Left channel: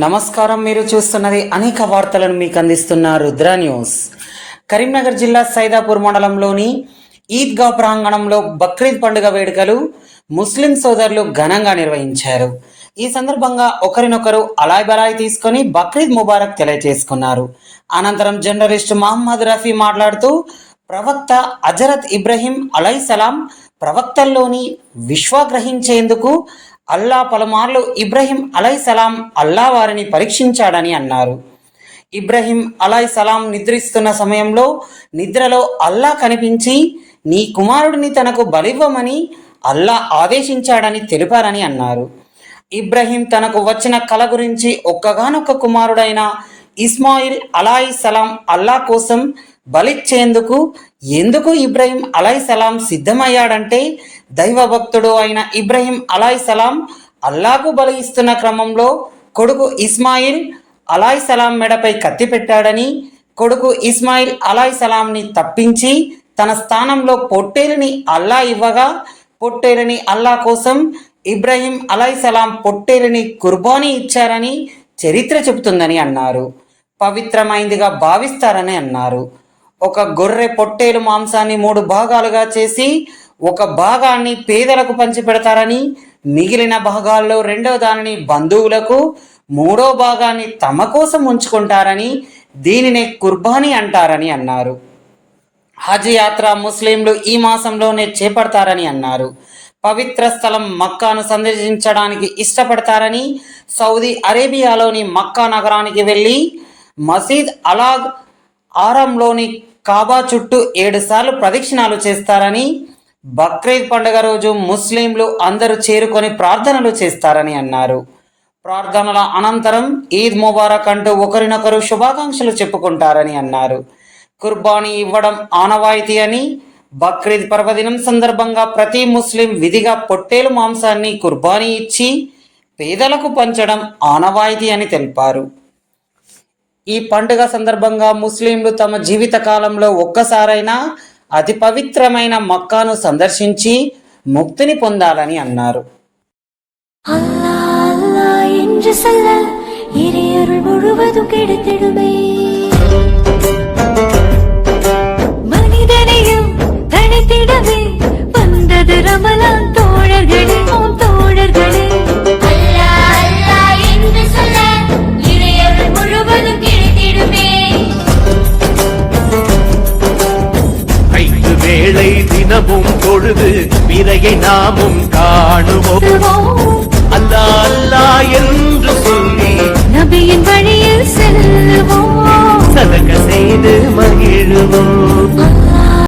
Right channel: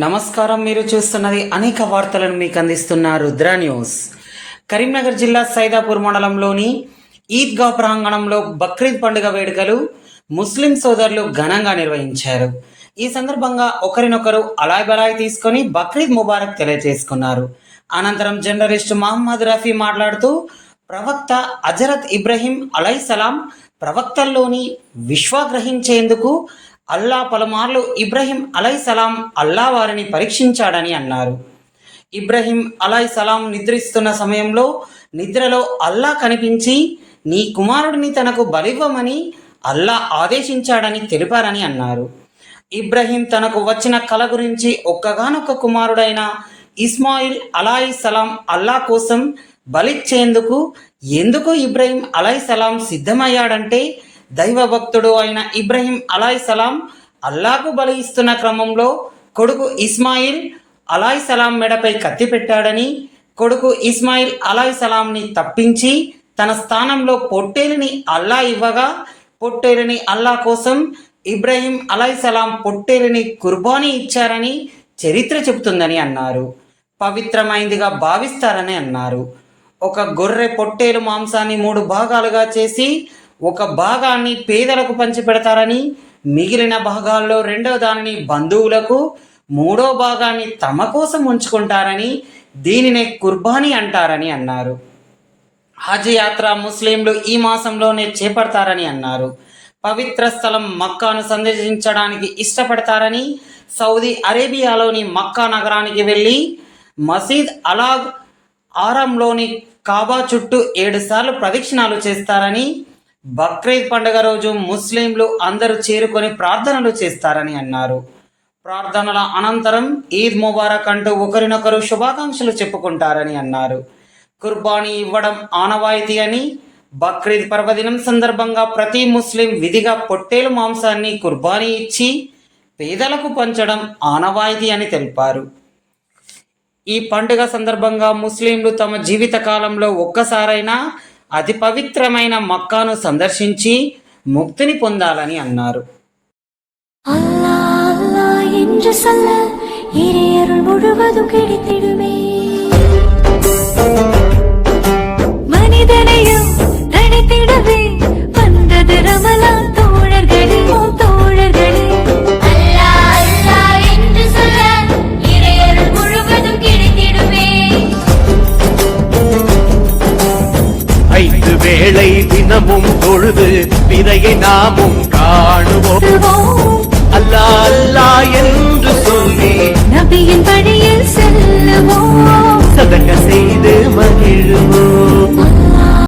నమస్కారం. మీరు చూస్తున్నది అనేక వార్తలను మీకు అందిస్తున్న రుద్ర న్యూస్. కరీంనగర్ జిల్లా సైదాపూర్ మండలంలోని ఈద్గా ప్రాంగణంలో బక్రీద్ పండుగ వేడుకలు ముస్లిం సోదరులు ఘనంగా నిర్వహించారు. ఈ సందర్భంగా ఒకరినొకరు అలాయ్ బలాయ్ తీసుకొని బక్రీద్ ముబారక్ తెలియజేసుకున్నారు. అనంతరం జర్నలిస్ట్ మహమ్మద్ రఫీ మాట్లాడుతూ ప్రవక్త హజరత్ ఇబ్రహీం అలైహిస్సలాం ప్రవక్తల్లోని విశ్వగ్రహించేందుకు అల్లా పలుమార్లు ఇబ్రహీం అలైహిస్సలాం అల్లా వారిని పరీక్షించాడని అన్నారు. ఇబ్రహీం అలైహిస్సలాం నిద్రిస్తున్న సమయంలో నిద్రలో అల్లా కనిపించి నీ కుమారుడిని తనకు బలివ్వమని అల్లా ఆదేశించాడని తెలిపారని అన్నారు. ఇబ్రహీం తనకు వచ్చిన కల గురించి ఒక్కగానొక్క కుమారుడైన ఇస్మాయిల్ అలైహిస్సలాం అల్లా కోసం బలిచ్చేందుకు ఎందుకు ఇబ్రహీం అలైహిస్సలాం సిద్ధమయ్యాడంటే దైవభక్తుడు అయిన ఇబ్రహీం అలైహిస్సలాం అల్లాకు బలి ఇస్తున్న క్రమంలో కొడుకు ఇస్మాయిల్ అలైహిస్సలాం మెడపై కత్తి పెట్టాడని, కొడుకు ఇస్మాయిల్ అలైహిస్సలాంని తప్పించి తన స్థానంలో పొట్టేలుని అల్లా ఇవ్వగా పొట్టేలుని అల్లా కోసం ఇబ్రహీం అలైహిస్సలాం పొట్టేలుని కుర్బానీ ఇచ్చారని చరిత్ర చెబుతుందని అన్నారు. పవిత్రమైందిగా భావిస్తారని అన్నారు. ఒక గొర్రె పొట్టేలు మాంసాన్ని 3 భాగాలుగా చేసి ఒక భాగాన్ని పేదలకు పంచిపెడతారని, మిగిలిన భాగాల్లో 2వ దానిని బంధువులకు, 3వ భాగాన్ని తమ కోసం ఉంచుకుంటారని, దీనినే కుర్బానీ అంటారని అన్నారు. హజ్ యాత్ర ముస్లింలు ఈ మాసంలోనే చేపడతారని అన్నారు. పవిత్ర స్థలం మక్కాను సందర్శించడానికి ఇష్టపడతారని, సౌదీ అరేబియాలోని మక్కా నగరానికి వెళ్ళి మసీద్ అలాగ్ ఆరంలోని కాబా చుట్టూ 7 సార్లు ప్రదక్షిణాలు చేస్తారని, బక్రీద్ పండుగ రోజు ముస్లింలు అందరూ చేరుకొని ప్రార్థనలు చేస్తారని అన్నారు. ప్రార్థనల అనంతరం ఈద్ ముబారక్ అంటూ ఒకరినొకరు శుభాకాంక్షలు చెప్పుకుంటారని అన్నారు. కుర్బానీ ఇవ్వడం ఆనవాయితీ అని, బక్రీద్ పర్వదినం సందర్భంగా ప్రతి ముస్లిం విధిగా పొట్టేలు మాంసాన్ని కుర్బానీ ఇచ్చి పేదలకు పంచడం ఆనవాయితీ అని తెలిపారు. ఈ పండుగ సందర్భంగా ముస్లింలు తమ జీవిత కాలంలో ఒక్కసారైనా అతి పవిత్రమైన మక్కాను సందర్శించి ముక్తిని పొందాలని అన్నారు. வேளை தினமும் பொழுது விரையை நாமும் காணுவோம்.